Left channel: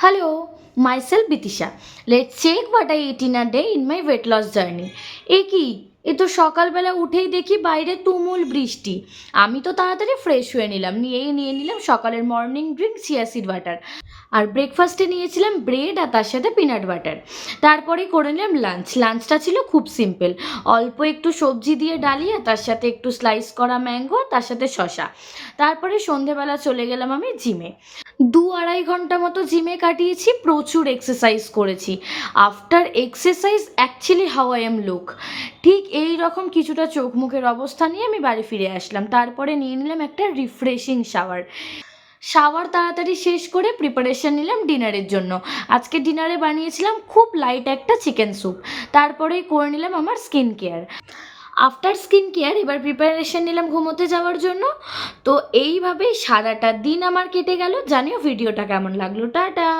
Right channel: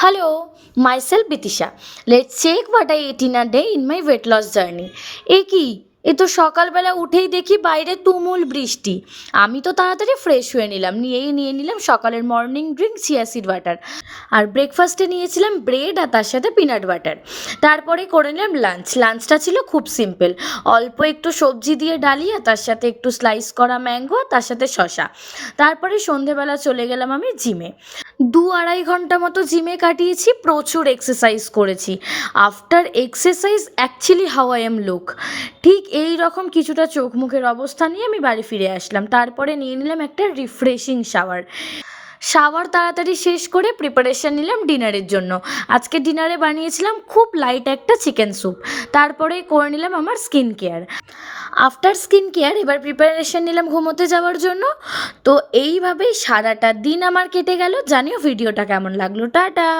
Hello, myself Bitisha. Let's check what I ate in a day in my weight loss journey. কি এ তো সকালবেলা উঠেই দেখি বাইরে তুমুল বৃষ্টি। আমি তো তাড়াতাড়ি ফ্রেশ হয়ে নিলাম, নিয়ে নিলাম সকালের morning drink chia seed water. আর ব্রেকফাস্টে নিয়েছিলাম ব্রেড আর তার সাথে পিনাট বাটার। তারপরে করে নিলাম লাঞ্চটা ছিল খুব সিম্পল, অল্প একটু সবজি দিয়ে ডালিয়া, তার সাথে একটু স্লাইস করা ম্যাঙ্গো, তার সাথে শশা। তারপরে সন্ধেবেলা চলে গেলাম আমি জিমে। 2-2.5 ঘন্টা মতো জিমে কাটিয়েছি, প্রচুর এক্সারসাইজ করেছি। After exercise actually how I am look, ঠিক এই রকম কিছুটা চোখ মুখের অবস্থা নিয়ে আমি বাড়ি ফিরে আসলাম। তারপরে নিয়ে নিলাম একটা রিফ্রেশিং শাওয়ার তাড়াতাড়ি শেষ করে প্রিপারেশন নিলাম ডিনারের জন্য। আজকে ডিনারে বানিয়েছিলাম খুব লাইট একটা চিকেন স্যুপ। তারপরে করে নিলাম আমার skin care. After skin care এবার প্রিপারেশন নিলাম ঘুমোতে যাওয়ার জন্য। তো এইভাবেই সারাটা দিন আমার কেটে গেল। জানিও ভিডিওটা কেমন লাগলো। টাটা।